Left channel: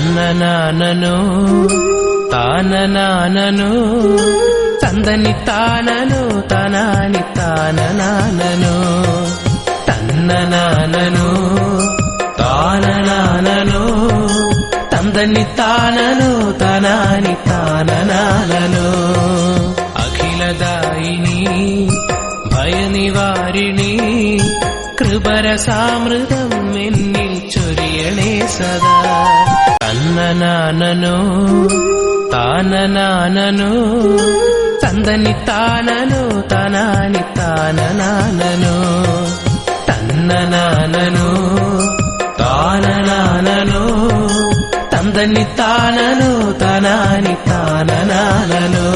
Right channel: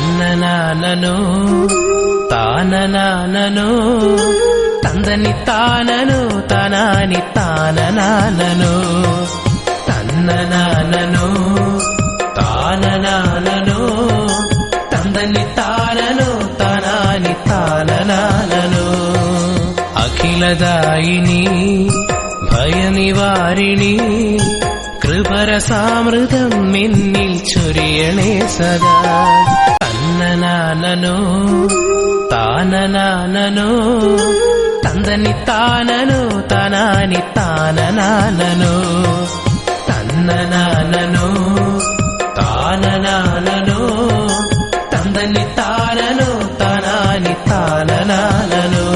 ತನ್ನನಾನನೋ ತಾನನಾನನೋ ತಂದನಿ ತಾನನೋ ತಾನಾನಿ ತಾನನಾನನೋ ತನ್ನನಾನನೋ ತಾನನಾನನೋ ತಂದನಿ ತಾನನೋ ತಾನಾನಿ ತಾನನಾನನೋ ಅಖಿಲದಾಯಿನಿ ಭಯ ನಿವಾರಿಣಿ കൃപരസാമൃതം എന്നിൽ ചൊരിയണേ സദാ തന്നനാനനോ താനനാനനോ തന്തനി താനനോ താനാനി താനനാനനോ തന്നനാനനോ താനനാനനോ തന്തനി താനനോ താനാനി താനനാനനോ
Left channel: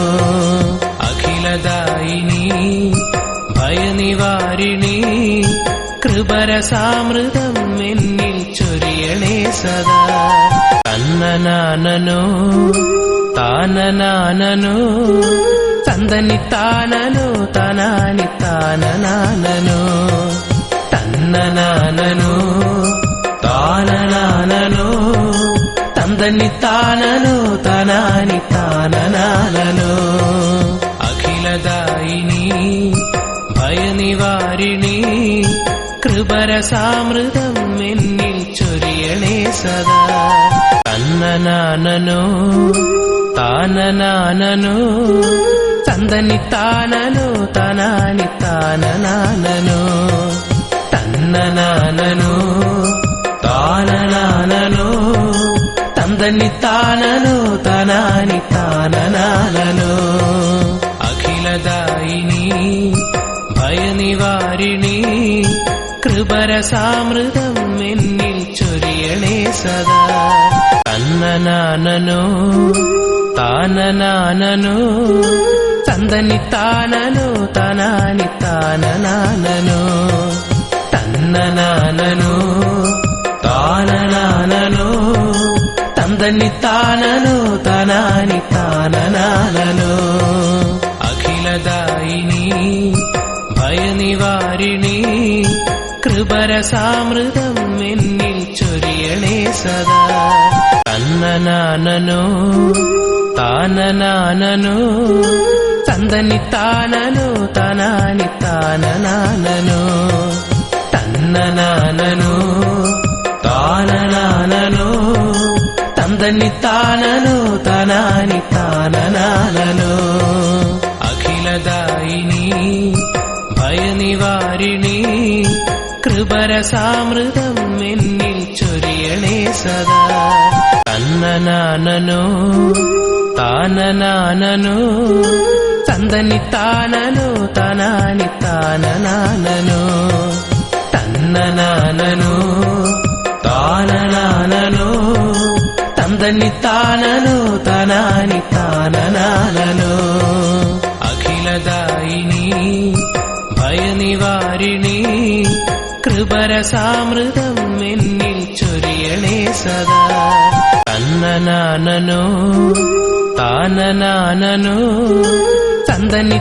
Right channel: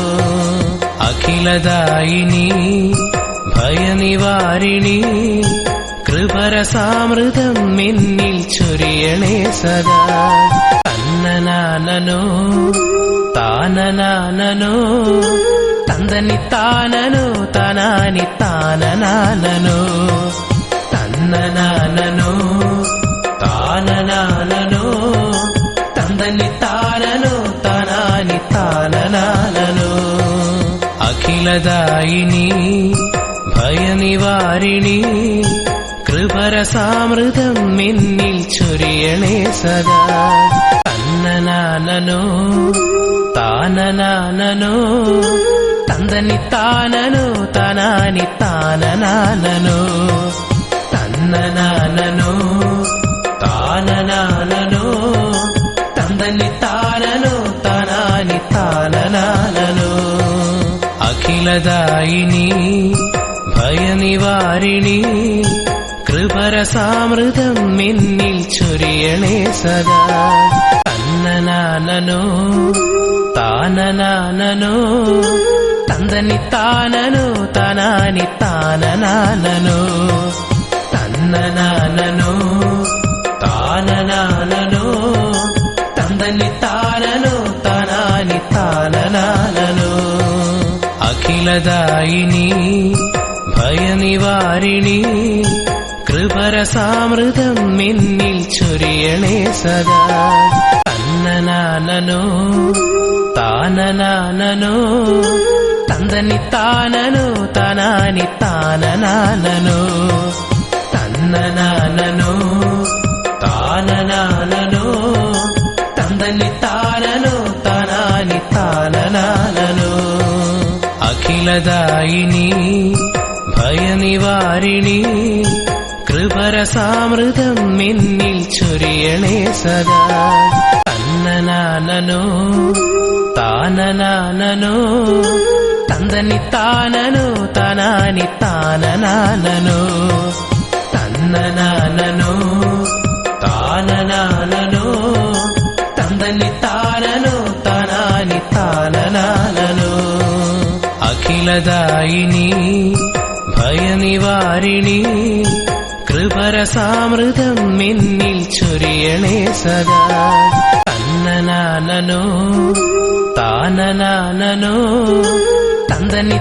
അഖിലദായിനി ഭയനിവാരിണി കൃപരസാമൃതം എന്നിൽ ചൊരിയണേ സദാ തന്നനാനനോ താനനാനനോ തന്തനി താനനോ താനാനി താനനാനനോ തന്നനാനനോ താനനാനനോ തന്തനി താനനോ താനാനി താനനാനനോ അഖിലദായിനി ഭയനിവാരിണി കൃപരസാമൃതം എന്നിൽ ചൊരിയണേ സദാ തന്നനാനനോ താനനാനനോ തന്തനി താനനോ താനാനി താനനാനനോ തന്നനാനനോ താനനാനനോ തന്തനി താനനോ താനാനി താനനാനനോ അഖിലദായിനി ഭയനിവാരിണി കൃപരസാമൃതം എന്നിൽ ചൊരിയണേ സദാ തന്നനാനനോ താനനാനനോ തന്തനി താനനോ താനാനി താനനാനനോ തന്നനാനനോ താനനാനനോ തന്തനി താനനോ താനാനി താനനാനനോ അഖിലദായിനി ഭയനിവാരിണി കൃപരസാമൃതം എന്നിൽ ചൊരിയണേ സദാ തന്നനാനനോ താനനാനനോ തന്തനി താനനോ താനാനി താനനാനനോ തന്നനാനനോ താനനാനനോ തന്തനി താനനോ താനാനി താനനാനനോ അഖിലദായിനി ഭയനിവാരിണി കൃപരസാമൃതം എന്നിൽ ചൊരിയണേ സദാ തന്നനാനനോ താനനാനനോ തന്തനി താനനോ താനാനി താനനാനനോ തന്നനാനനോ താനനാനനോ തന്തനി താനനോ താനാനി താനനാനനോ അഖിലദായിനി ഭയനിവാരിണി കൃപരസാമൃതം എന്നിൽ ചൊരിയണേ സദാ തന്നനാനനോ താനനാനനോ തന്തനി